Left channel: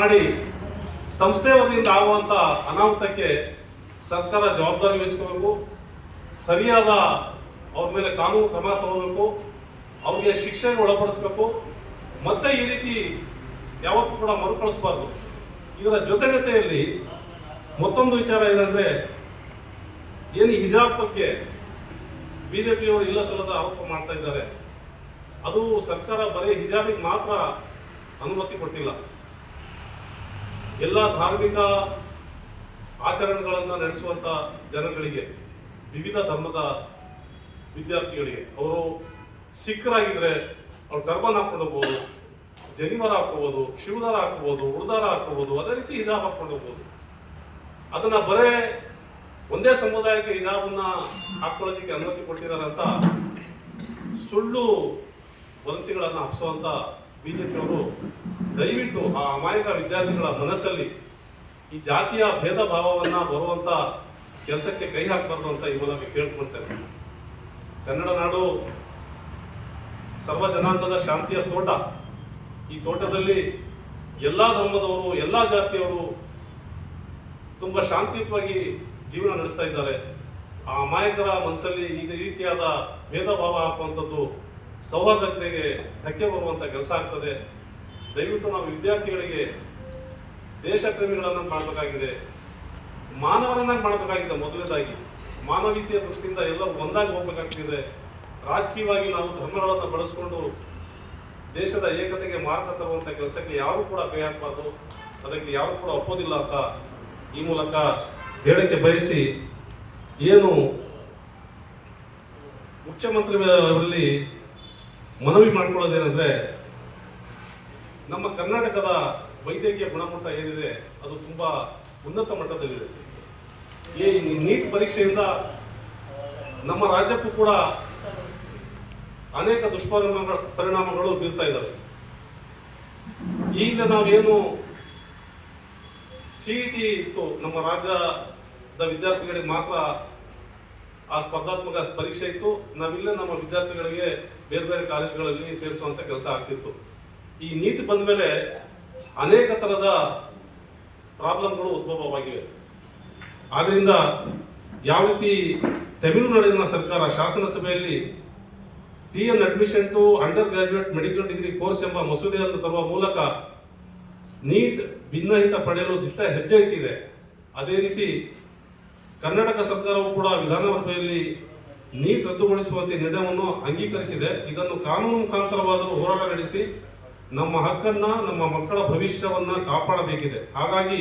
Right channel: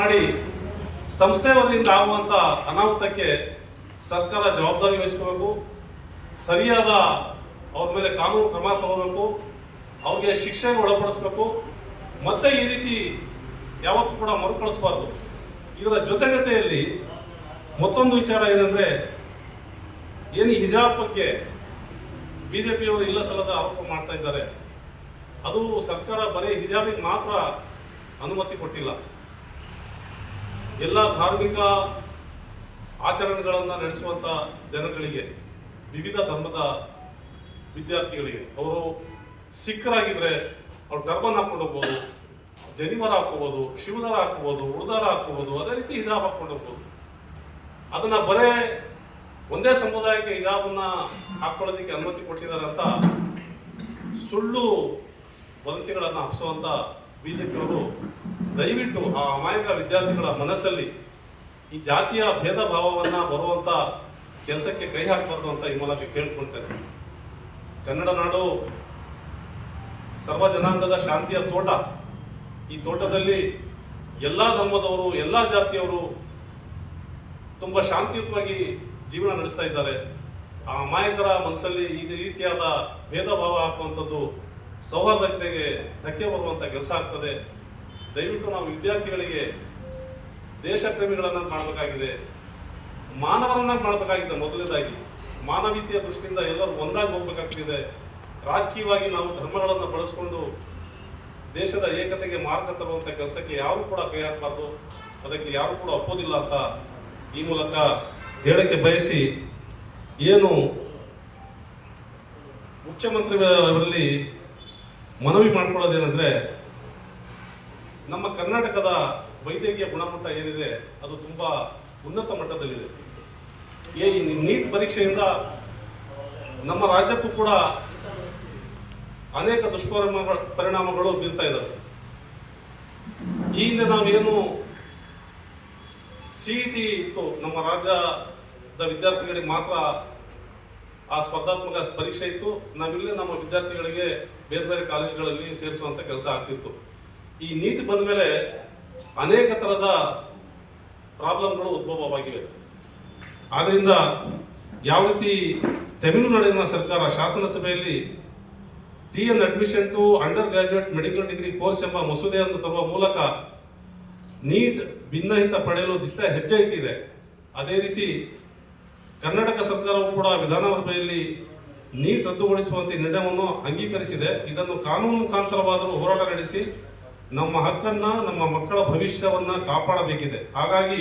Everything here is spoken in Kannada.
ಮಾಡಿ ಸಂಸ್ಥೆ ವತಿಯಿಂದ ಆಗುವಂತ ಅನಾಹುತಕ್ಕೆ ಸರ್ಕಾರ ಜವಾಬ್ದಾರಿ ವಹಿಸಬೇಕು, ಸರಿಯಾದ ಅವ್ರ ಮೇಲೆ ಕಾನೂನು ಕ್ರಮ ತಗೋಬೇಕು, ಅವ್ರಿಗೆ ಶಿಕ್ಷೆಗೆ ಒಳಪಡಿಸಬೇಕು. ಮತ್ತೆ ಈ ರೀತಿ ಯಾವತ್ತೂ ಕೂಡ ಮರುಕಳಿಸಬಾರ್ದು. ಇದರ ಜೊತೆಗತೆಯಲ್ಲಿ ಮತ್ತೊಂದು ವಿಚಾರ ಏನಂದ್ರೆ, ಏನು ಹಿಜಾಬ್ ಬಗ್ಗೆ ಬಿಜೆಪಿಯವರು ಇಲ್ಲ ಸಲ್ಲದ ಆರೋಪ ಮಾಡ್ತಾ ಇದ್ದಾರೆ. ಅದು ಸರ್ಕಾರ ಬರೀ ಹಿಜಾಬಿಗೆ ಮಾತ್ರ ಅನುಮತಿ ಕೊಟ್ಟಿಲ್ಲ, ಎಲ್ಲ ಧಾರ್ಮಿಕ ಆಚರಣೆಗಳನ್ನು ನಡೆಸುವಂತ ಜನಗಳಿಗೆ, ವಿವಿಧ ಧರ್ಮದ ವಿದ್ಯಾರ್ಥಿಗಳಿಗೆ, ಅವರು ಸಿಖ್ರಾಗಿದ್ರೆ ಅವ್ರು ಟರ್ಬನ್ ಹಾಕೊಂಡು ಹೋಗ್ಬೋದು, ಜನಿವಾರ ಹಾಕೋಬಹುದು, ಶಿವದಾರ ಹಾಕೋಬಹುದು, ಉಡ್ದಾರ ಹಾಕೋಬಹುದು, ಅದೇ ರೀತಿ ಹಿಜಾಬ್ ಹಾಕೊಂಡು ಹೋಗ್ಬೋದು. ಅದನ್ನ ಬರೇ ಒಂದೇ ಸಮುದಾಯಕ್ಕೆ ಹಿಜಾಬನ್ನ ಹಾಕೊಳ್ಳೋದಕ್ಕೆ ಅನುಮತಿ ಕೊಟ್ಟಿದ್ದಾರೆ ಅಂತ ಸುಳ್ಳು ವದಂತಿಗಳನ್ನ ಹಬ್ಬಿಸುವಂತ ಬಿಜೆಪಿಯವರು ದಯವಿಟ್ಟು ಆ ಅಮಾಯಕ ವಿದ್ಯಾರ್ಥಿಗಳ ಮನಸ್ಸಲ್ಲಿ ಈ ಜಾತಿಯ ಭೇದ ಭಾವವನ್ನ ಬರುವಂತ ಕೆಲಸಕ್ಕೆ ಕೈ ಹಾಕಬಾರ್ದು ಅಂತ ಈ ಮೂಲಕ ಕೇಳ್ಕೊಳ್ತೇನೆ. ಕನ್ನಡ ನಾಡು ಸರ್ವ ಜನಾಂಗದ ಶಾಂತಿಯ ತೋಟ. ಈ ತೋಟದಲ್ಲಿ ಎಲ್ಲಾ ಧರ್ಮದವರು, ಎಲ್ಲಾ ಜಾತಿಯವರು ತುಂಬಾ ಶಾಂತಿಯುತವಾಗಿ ಜೀವನ ನಡೆಸ್ತಾ ಇದ್ದಾರೆ. ಆ ಅಮಾಯಕರ ಮನಸ್ಸಲ್ಲಿ ಈ ರೀತಿಯಾದ ಭೇದ ಭಾವ ಹಾಕುವಂಥದ್ದು ಸೌಹಾರ್ದತೆಗೆ ಧಕ್ಕೆ ಬರುವಂತ ಕೆಲಸ ಆಗ್ತದೆ. ದಯವಿಟ್ಟು ನಾವು ವಿದ್ಯಾರ್ಥಿಗಳಿಗೆ ದೇಶ ಪ್ರೇಮಿಗಳನ್ನ ಮಾಡಬೇಕಾಗಿದೆ, ಮಾನವರನ್ನ ಮಾಡಬೇಕಾಗಿದೆ. ಮೊದಲನೇದಾಗಿ ಮಾನವೀಯತೆಯ ದೃಷ್ಟಿಯಿಂದ ಎಲ್ಲರೂ ಒಂದಾಗಿ ಹೋಗ್ಬೇಕಾಗ್ತಿದೆ. ರಾಜಕೀಯವಾಗಿ ನಾವು ಧರ್ಮಗಳನ್ನು ಬಳಸಿಕೊಂಡು ದೇಶದ ಏಕತೆಗೆ ಮಾರ್ಗ ತರುವಂತ ಕೆಲಸಕ್ಕೆ ಯಾರು ಕೂಡ ಕೈ ಹಾಕಬಾರ್ದು, ಅದಕ್ಕೆ ಯಾರು ಕೂಡ ಒಪ್ಪೋದಿಲ್ಲ ಅಂತ ಈ ಮೂಲಕ ಹೇಳಕ್ಕೆ ಬಯಸಿ, ಏನು ಮುಖ್ಯಮಂತ್ರಿಗಳಲ್ಲಿ ಮನವಿ ಮಾಡ್ಕೊಳ್ಳೋದೇನೆಂದ್ರೆ, ನಮ್ಮ ಕರ್ನಾಟಕದ ವೈದ್ಯಕೀಯ ಗುಣಮಟ್ಟ ಏನಿದೆ ಅದು ತುಂಬಾ ಉನ್ನತ ಮಟ್ಟದಲ್ಲಿದೆ. ಈ ನೀಟ್ ಪರೀಕ್ಷೆಯಿಂದ ನಮ್ಮ ರಾಜ್ಯಕ್ಕೂ ಕೂಡ ಅನೇಕ ಪರಿಣಾಮಗಳು ಬೀರ್ತಾ ಇದ್ದಾವೆ. ಈ ಹಿಂದೆ ನಾವೇನು ಸಿಇಟಿ ಇತ್ತು, ನಮ್ಮ ರಾಜ್ಯದ ವಿದ್ಯಾರ್ಥಿಗಳಿಗೆ ಮಾತ್ರ ಆ ಸ್ಪರ್ಧಾತ್ಮಕ ಪರೀಕ್ಷೆ ಇತ್ತು. ನಾವಿಲ್ಲೇ ನಮ್ಮ ವಿದ್ಯಾರ್ಥಿಗಳಿಗೆ ಬೇರೆ ಬೇರೆ ಕಾಲೇಜುಗಳಲ್ಲಿ ಸೇರಿಸುವಂತ ಕೆಲಸ ಆಗ್ತಿತ್ತು. ಈ ನೀಟ್ ಬಂದ ಮೇಲೆ ಅನೇಕ ತರದ ಪ್ರಾಬ್ಲಮ್ಗಳು ಉದ್ಭವವಾಗಿವೆ. ಆದ್ರಿಂದ ಯಾವ ರೀತಿ ತಮಿಳುನಾಡಿನ ಸರ್ಕಾರ ಶಾಸನಸಭೆಯಲ್ಲಿ TN admission to undergraduate medical degree course ಎಂಬ ಮಸೂದೆಯನ್ನು ತರುವ ಮೂಲಕ ನೀಟ್ ಭಿನ್ನಹಿತ ಪಡೆಯಲು ದಿಟ್ಟ ಹೆಜ್ಜೆ ಇಟ್ಟಿದೆ. ಅದೇ ರೀತಿ ಕರ್ನಾಟಕ ಸರ್ಕಾರವು ಕೂಡ ವಿಧಾನಸಭೆಯಲ್ಲಿ ನೀಟ್ ರದ್ದುಗೊಳಿಸುವಂತೆ ನಿರ್ಣಯವನ್ನು ಅಂಗೀಕರಿಸಿದೆ. ಇದನ್ನು ಕಾನೂನು ಮುಖಾಂತರವಾದರೂ ಹೋರಾಟ ನಡೆಸಿ ನಮ್ಮ ಹಕ್ಕನ್ನ, ನಮ್ಮ ಮಕ್ಕಳ ಭವಿಷ್ಯವನ್ನ ಕಾಪಾಡಬೇಕಿದೆ. ಹಾಗಾಗಿ